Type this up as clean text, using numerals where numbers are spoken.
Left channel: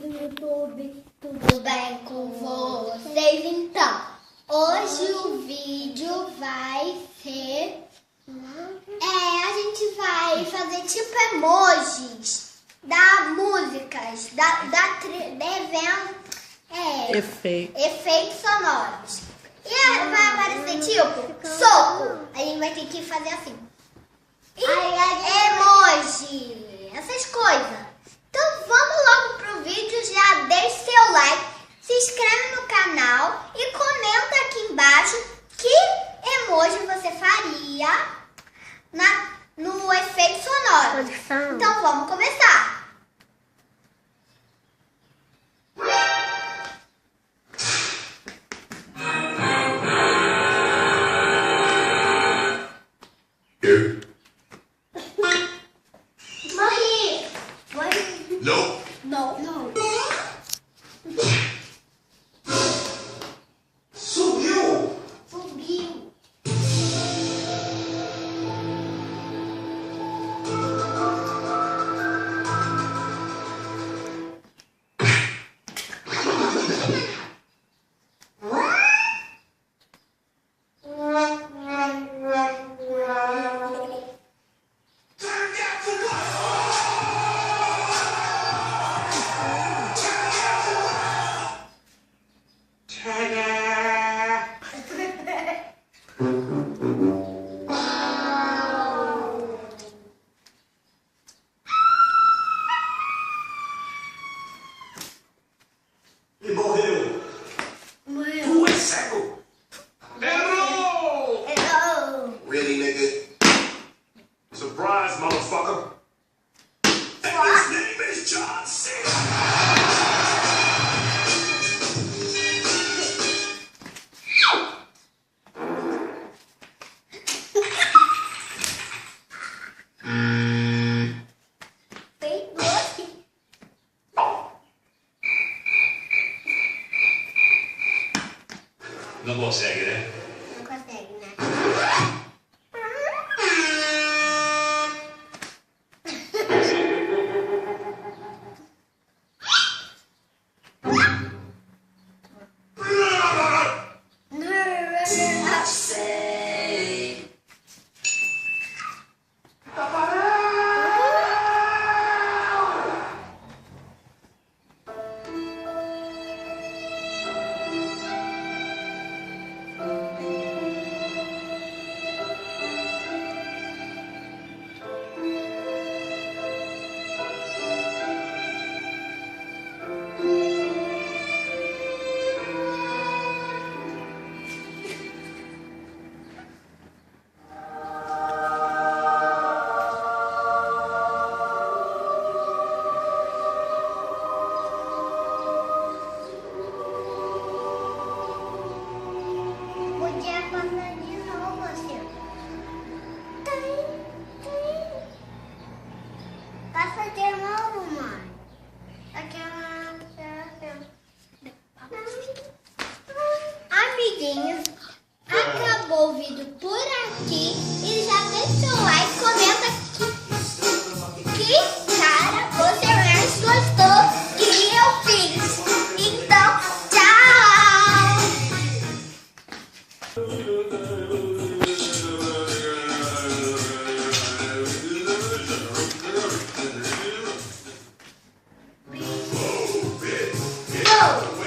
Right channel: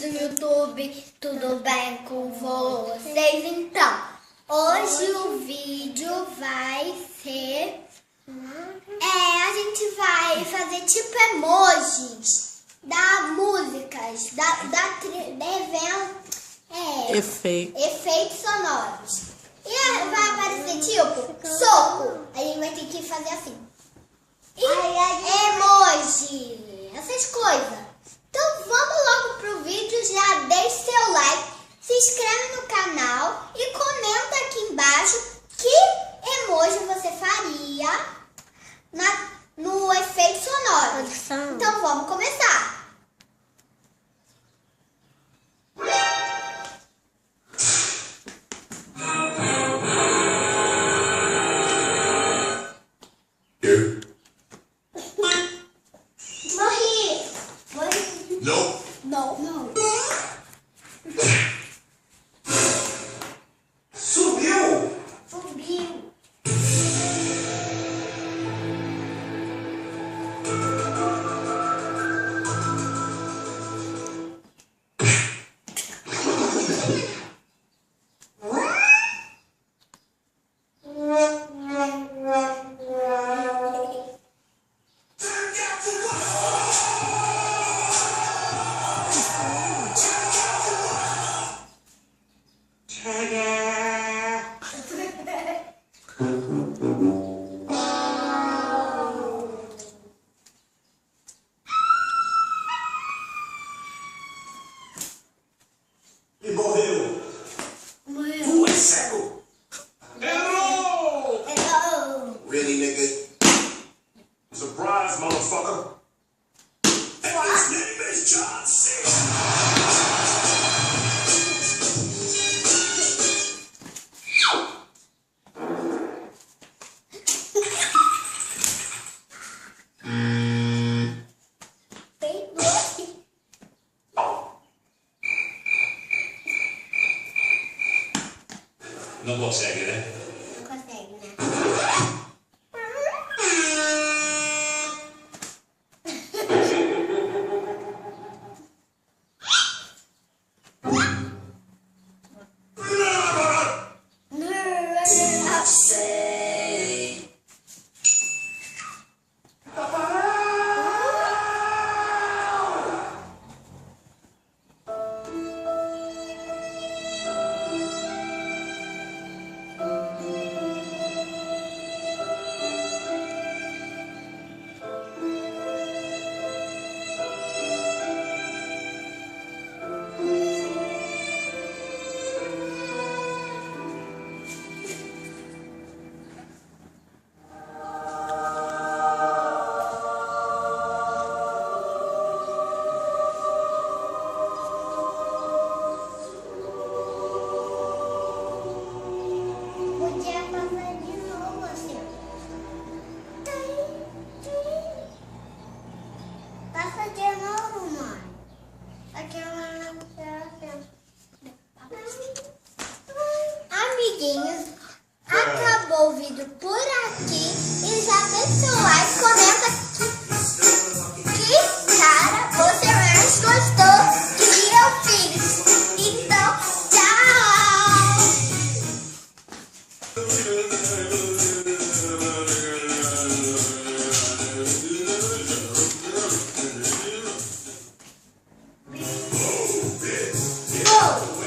do YouTube, tudo bem com vocês? Então, hoje o vídeo vai ser... a gente vai fazer tipo emojis da músicas, efeitos sonoros. E vai aparecer tipo soco, a gente vai ter que fazer assim. E emoji, essas coisas. Então vamos logo pro vídeo, já deixe seu like, se inscreve no canal e comenta aqui embaixo que emoji você faria no efeito sonoro. Então vamos começar. Não. Subiu. E morreu. Tu é cego. Hello. Really, nigga? Surprise, motherfucker. And his name is John Cena. Não consegue, né? Não consegue, né? Podia fazer de novo assim. Passa de novo, mãe. Amiguinhos, acabou o vídeo por aqui. E já deixa o like, comenta que cara você mais gostou que eu fiz. Então, tchau! Go!